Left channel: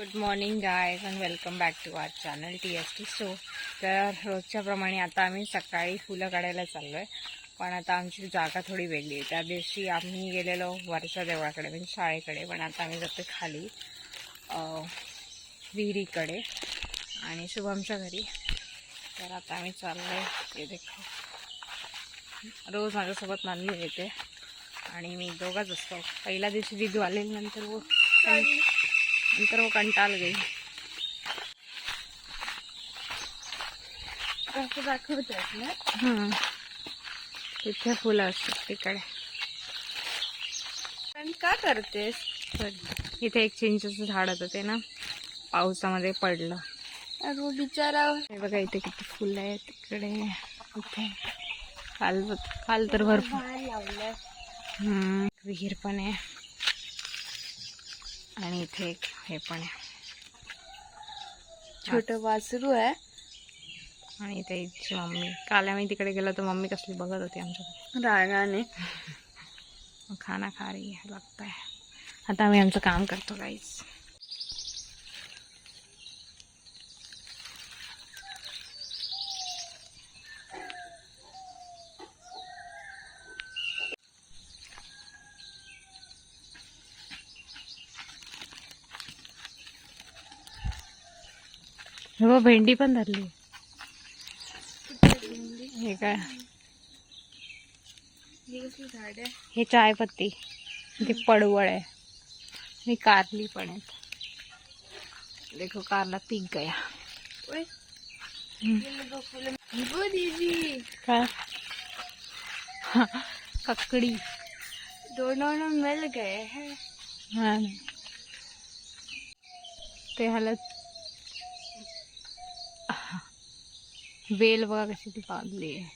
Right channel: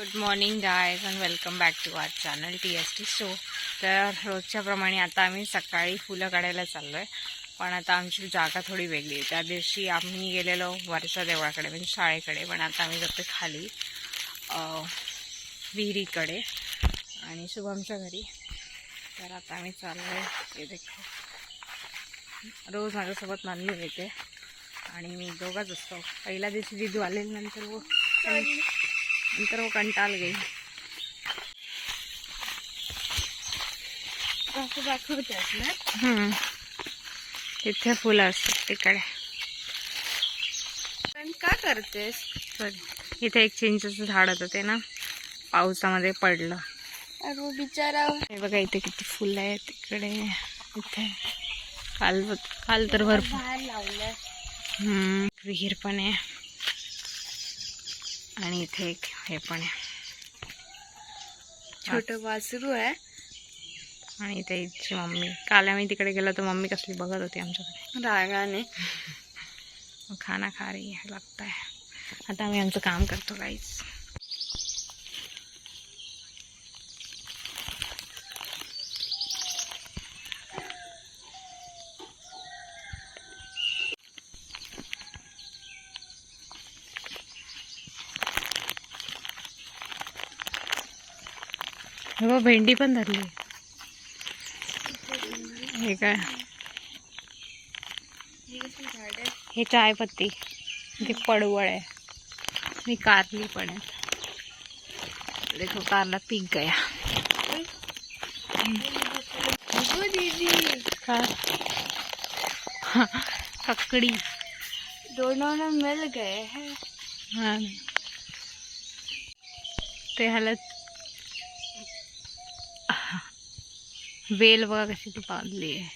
Good morning guys and welcome back to our channel TST show. तर रोजच्या प्रमाणे आता आम्ही सकाळी फुलं काढायला चाललो आहे, पण आता आमची जागा थोडी वेगळी आहे. त्या दिवशी आम्ही गेलेलो वरच्या देवळाकडे म्हणजे शाळेकडे, पण आता आम्ही जातो खाली विहिरीकडे आणि शुभमच्या घरी. तर आता आम्ही चाललो आहे. ते देखो रोज माझ्यासोबत नानू येते आणि मी दोघंच असतो. पहिल्या दिवशी दिदू आले, नंतर वो कंटाल गई. असं दाखवतात ना, तिथे फुलं असतात तिकडे. पण का करतेस? इथे एक चिंचेचं झाड होतं, ते ना पावसामध्ये पडलं. अरे बिचारा. हे बघा इथे किती फुलं आहेत तिकडे. इथे काल तर भरपूर बाहेर लावलं. विहीर पण आहे आणि इथे एक हे पण आहे, छोट वासरू आहे. आणि इथे हिची मम्मी. काल आम्ही तिकडे गेलो तर मम्मी कसली बघत होती आमच्याकडे रागाने. खाना खा रही है लगता है. आता आम्ही आमचं काम करतो गाईस. हो भेंडी पण धरली. हे काय, हे कसं झाड आहे? हे चायपत्ती, हे पडवळ आहे, हे कारली पण आहेत. देखो कारला पीक गया. अगो दीदी, का ककड़ी दोनों में मिल गए हैं. हाँ ते ह्याला वेल बघा कशी ती बांधली आहे.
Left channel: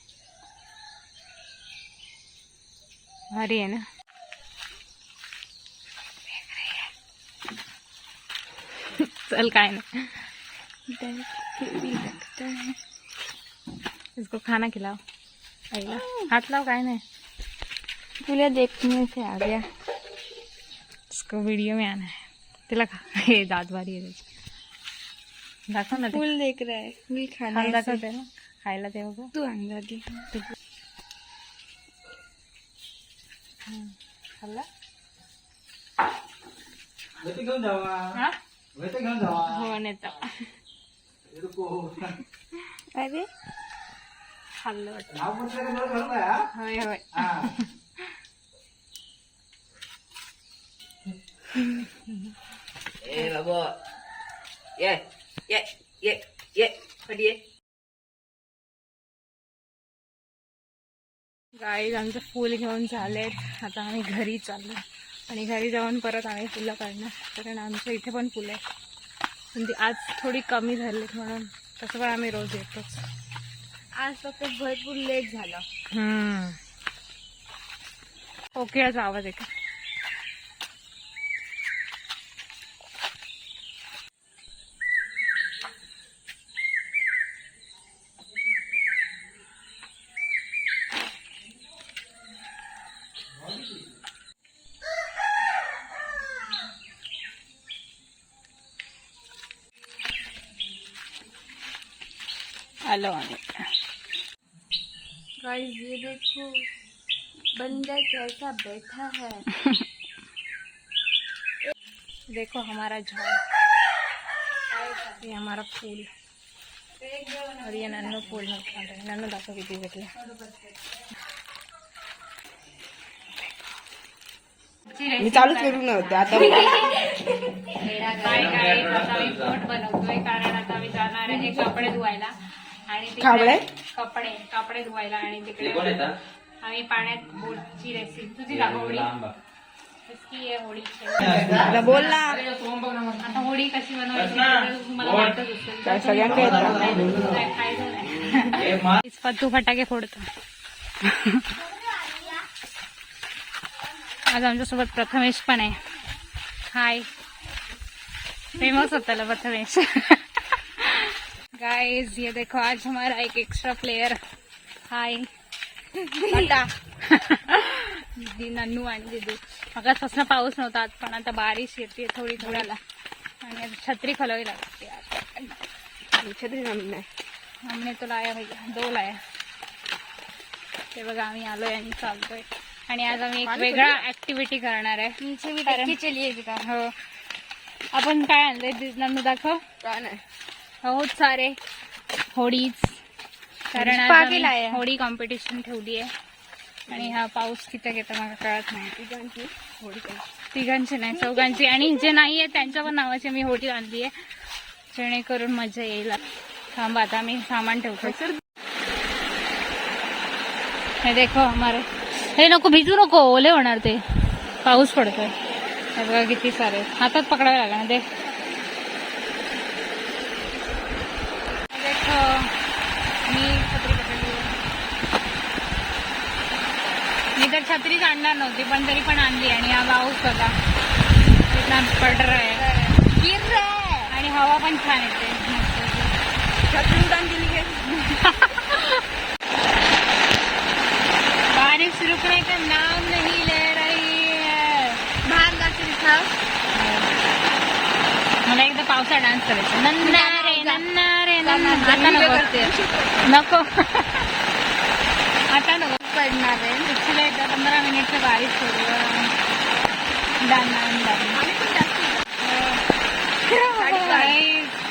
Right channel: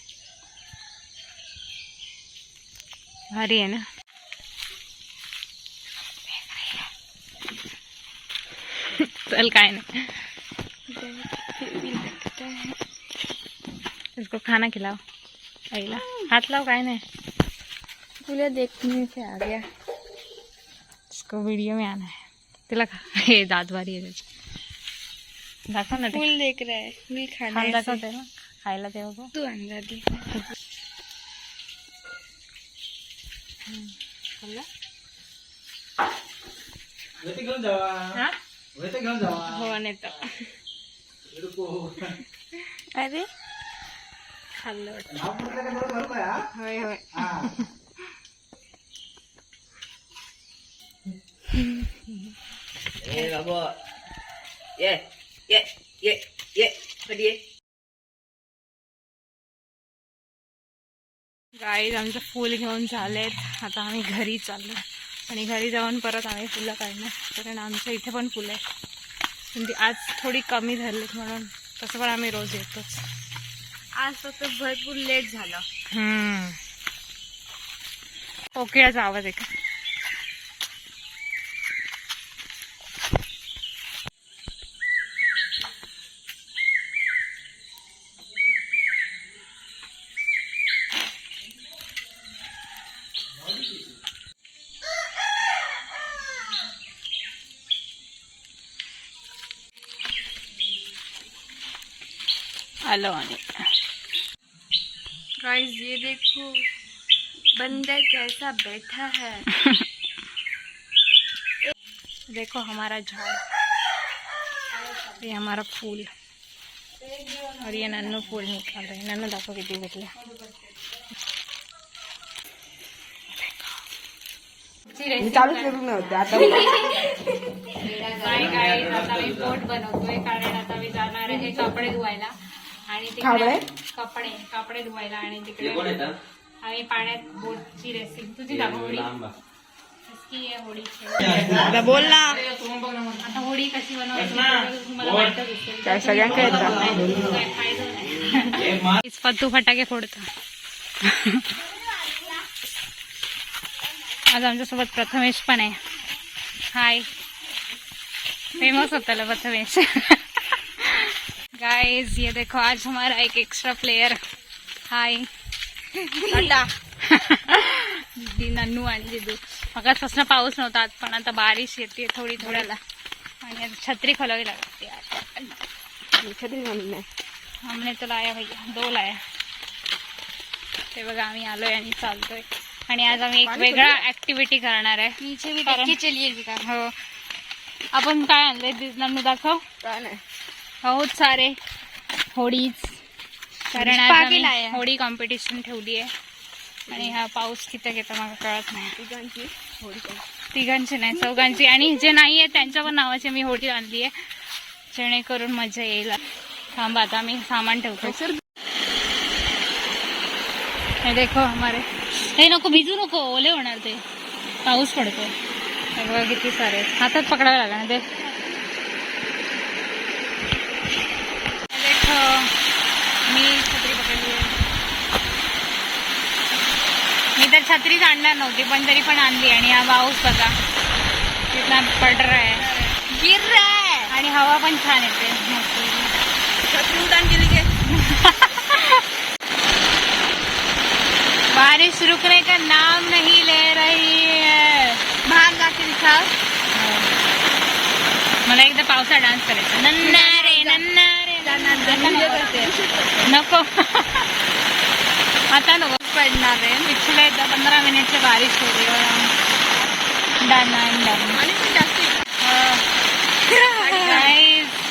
भारी आहे ना. चल काय नाही, फिर भी लगता है. इसको खाना खिलाओ. आईला हाथ लाव. काय नाही, तुला देखने से आ गया. इसको वीडियो में आना है. तिला हे दात भारी आहे त्याची. दाखव ना ते. फूल देख रहा है. मी खायला खाना दाखवते ना, खायला ते बघ. तू अंडा दे. खाल्ला घेऊन जावा. हा घेऊन जावा. हो नेतो. अरे खाल्लं वाटतं. नाव म्हटलं का बरं का? होय होय. हा. ए बाबा, ये ये ये ये कधी ये. गाईज आमचं फुल घेऊन झालेत. आता आम्ही घरी चाललो आणि घरी जाऊन परत आम्ही फुलं काढणार, कारण आमच्या इथे पण फुलं आहे. पण ती आज थोडी कमी झालीत म्हणून. तसं पण आम्ही रोज येतोच. आज फक्त भरपूर लेट झालं. कोकिळाचा आवाज आहे का? आलो आणि गाइस ये देखो, बंदर कैसा बैठा है. देखो हमारा झाड़, ये हमारा फूल. और ये नन्नू फूल निकल रहे हैं. नन्नू दाखव किती भेटले. मी चालू करू नव्हते आता. बाय गाईज, आता आम्ही बोट बनवतोय, कारण आता आम्ही जाणार आहे कपडे धुवायला आणि तिकडे कपडे धुवायला आणि तिकडे आम्ही पाण्यात बोटची रेसिपी. तुझी दाखव होडी. इसकी आहे होडी. बोल ना. आता होडी कशी बनवायची तुम्हाला माहितच असेल. सगळ्यांकडे काय फायदा नाही. इस पत्तू फटाके फोडतो. आज आमच्यासोबत प्रथमेश पण आहे. हाय. फेमस होता ला प्रथमेश. गाइस ये देखो आज हमारा एक एक्स्ट्रा प्लेयर. हाय टाटा. नन्नू आणि दिदू. मगापासून पाऊस नव्हता, पण आता बारिश येते थोडी थोडी. आणि आता छत्री खोलावी लागते छत्री नाही हमने तो लाया भैया 2 लाया ते बघा आम्ही आलोय आणि चालतोय आणि आज आम्ही एक वेगळा ऍक्टिव्हिटी करणार आहे पीछे भी कारण- देख के चलिए का हो आपण काय आणलंय नन्नू दाखव काय नाही बहुत सारे होडीज कारण आज पाकिट आम्ही आहे. होडी कॉम्पिटिशन ठेवली आहे आणि हा पाऊस किती घेतो मला कळत नाही तुझ्यांची होडी काय तिघांची नाही 4घांची आणि जे नाही आहे त्यांच्या पण नावाची मी होडी आणली आहे जेणेकरून मजा येईल थांबा आता आम्ही सामान ठेवतो हे देखो हमारे हे नको भिजू नको ओले होणार ते पाऊस पडतोय सगळं किती सारे हातात पकडावे लागणार ते देखो मी छत्री पकडली आहे. मी तर छत्रीच आणणार नव्हती पण तरी पण आणली आणि हा पाऊस बघा कितना पड रहा है गिर रहा है आणि हवा पण छान येते छत्री उड़ान के लिए बारिश रुकने का नाम नहीं ले रही है बाहर जाके दिखाओ मला एकदा पावसा डान्स करायचा नन्ना रे नन्ना रे नको आता नको पडणार आहे पिछले 15 मिनट से बारिश हो रही है डन आणि पण जास्त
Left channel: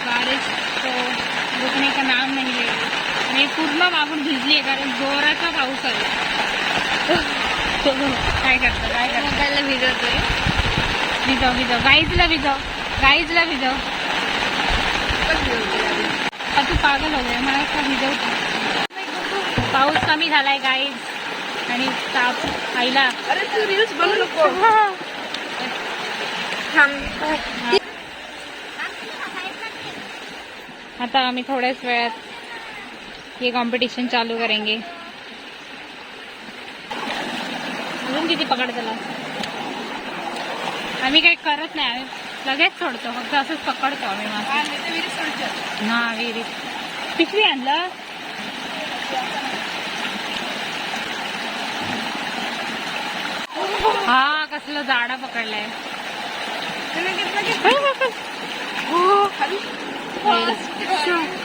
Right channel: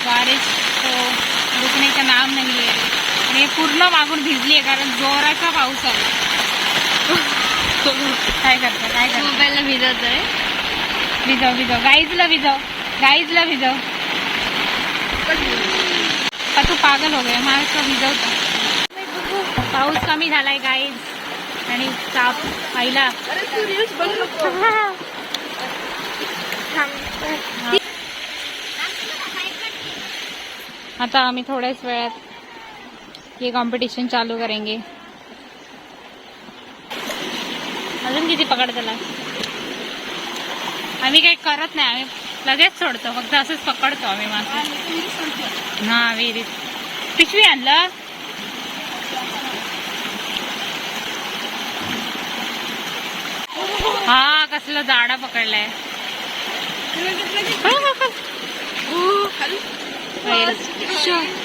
बारिश तो रुकने का नाम नहीं ले रही मी पूर्ण मागून भिजली आहे कारण जोराचा पाऊस आला काय करतो मोबाईल भिजत आहे भिजव गाईजला भिजव तू पागल हो गया मला भिजवतो पाऊस कमी झालाय गाईज आणि ताप आईला अरे तू रील्स बनवू नको आता आम्ही थोड्याच वेळात हे कॉम्पिटिशन चालू करेंगे अजून किती पकड त्याला आम्ही काही करत नाही आम्ही लगेच सोडतो फक्त असंच पकडतो आम्ही मासे हा विहिरीत पिशवी आणलं हा कसलं जाडा पकडलाय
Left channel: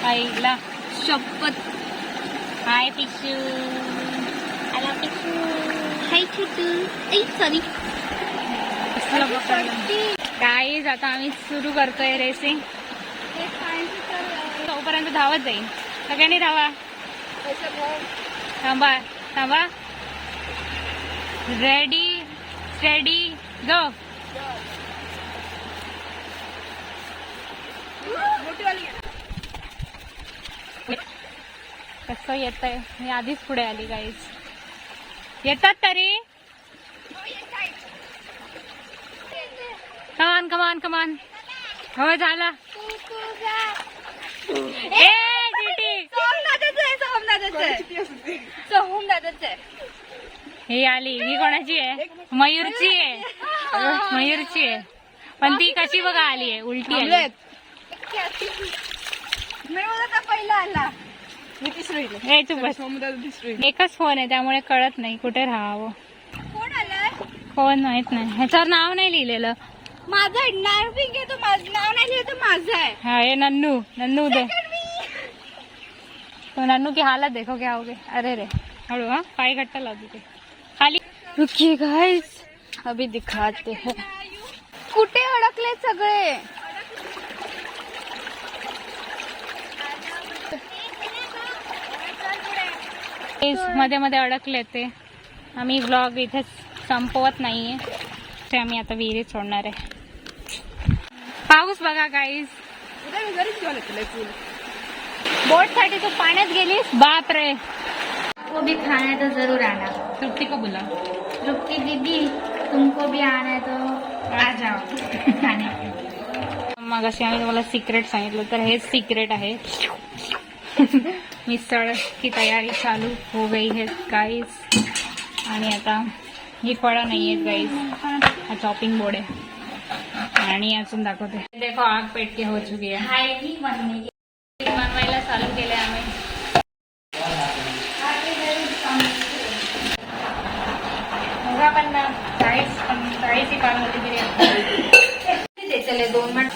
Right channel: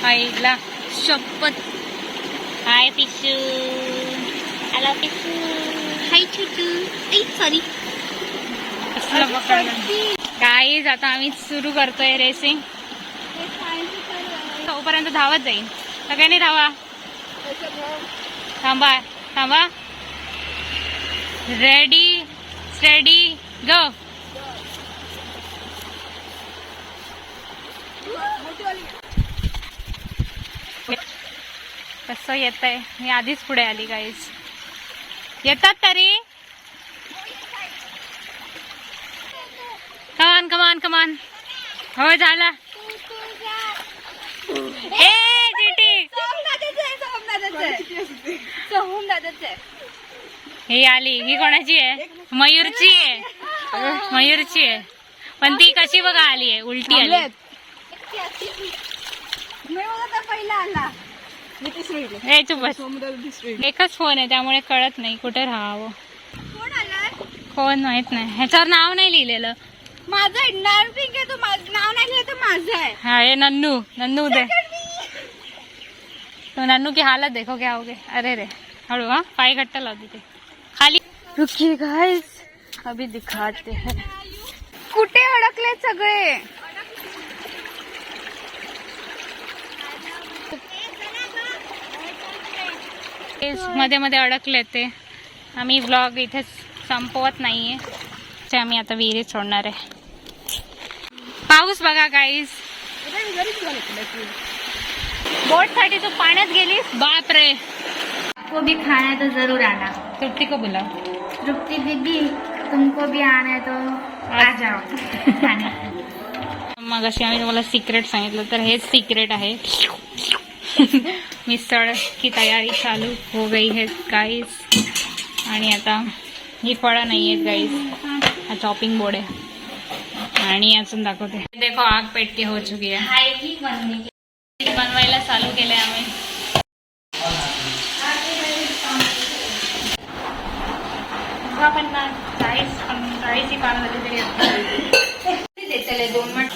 आईला शपथ हाय पिशू हॅलो पिशू हाय छोटू ऐ सॉरी कसलं पकडलं काहीच आता आम्ही सुरू करतोय रेसिंग तोपर्यंत धावत जाईल सगळ्यांनी धावा थांबा रेडी स्टेडी गो कसं येत आहे मी आधीच पुढे आली गाईज येतात तरी कमान हो झाला ए चिटी ही आली ही कोणाची आहे मयूरची आहे पण ती कशी बघा आली आहे उलटी आली पहिला आला ए चुप बस एकच फोन आहे त्यामुळे कळत नाही कुठे राहावं कोण आलाय कोण माहित नाही ह्याच्यावर नाव नाही लिहिलेलं माझं नाव पिंक आहे तो नाव नाही लिहिलं तर माझं आहे हाँ ये नन्नू दे तो नन्नू की हालत देखो क्या हो गए अरे रे हड़ो हाँ पाई घट्टा लाओ दीजिए खाली रुकिए गाइस अभी दिखाते हैं कुठे अडकले सगळे मध्ये मध्ये अडकले ते आम्ही व्लॉग इथे संपवत नाहीये ते आम्ही आता विहिरीत सोडणार आहे पाऊस बघा गाईस बोट साठी तू पाण्यात गेलीस बाप रे को भी खाना है तो जरूर आना तृप्ती को बोला तृप्ति दीदी तुमको भी आना है तो आ जाओ खाने मग अशी आम्ही तुम्हाला सिक्रेट सांगितलं तर हेच सिक्रेट आहे मिसळ की तयारी चालू हो गई है गाईस आणि आता ही फळं नाही आहेत गाईस हा चॉपिंग बोर्ड आहे आणि अजून दाखवते देखो आग पेट के हो चुकी आहे बनवायला चालू केलंय आम्ही बघा पण ना चाळीस ही पार झाली तरी 2 मिनिट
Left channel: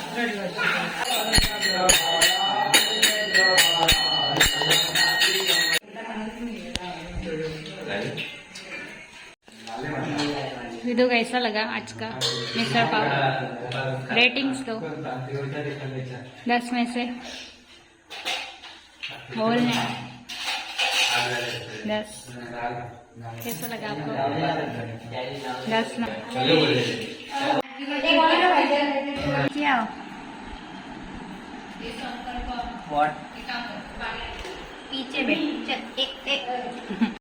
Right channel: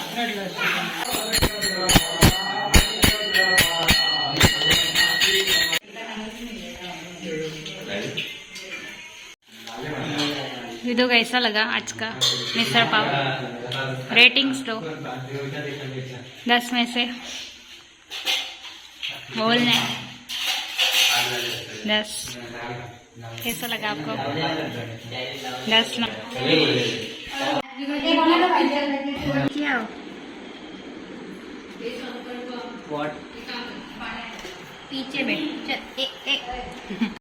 विदु कैसा लगा आज का मिसळ पाव? रेटिंग्स दो 10 में से। बोलने 10। कैसा लगा आपको? 10 ना। क्या What? पीछे बैठ चल।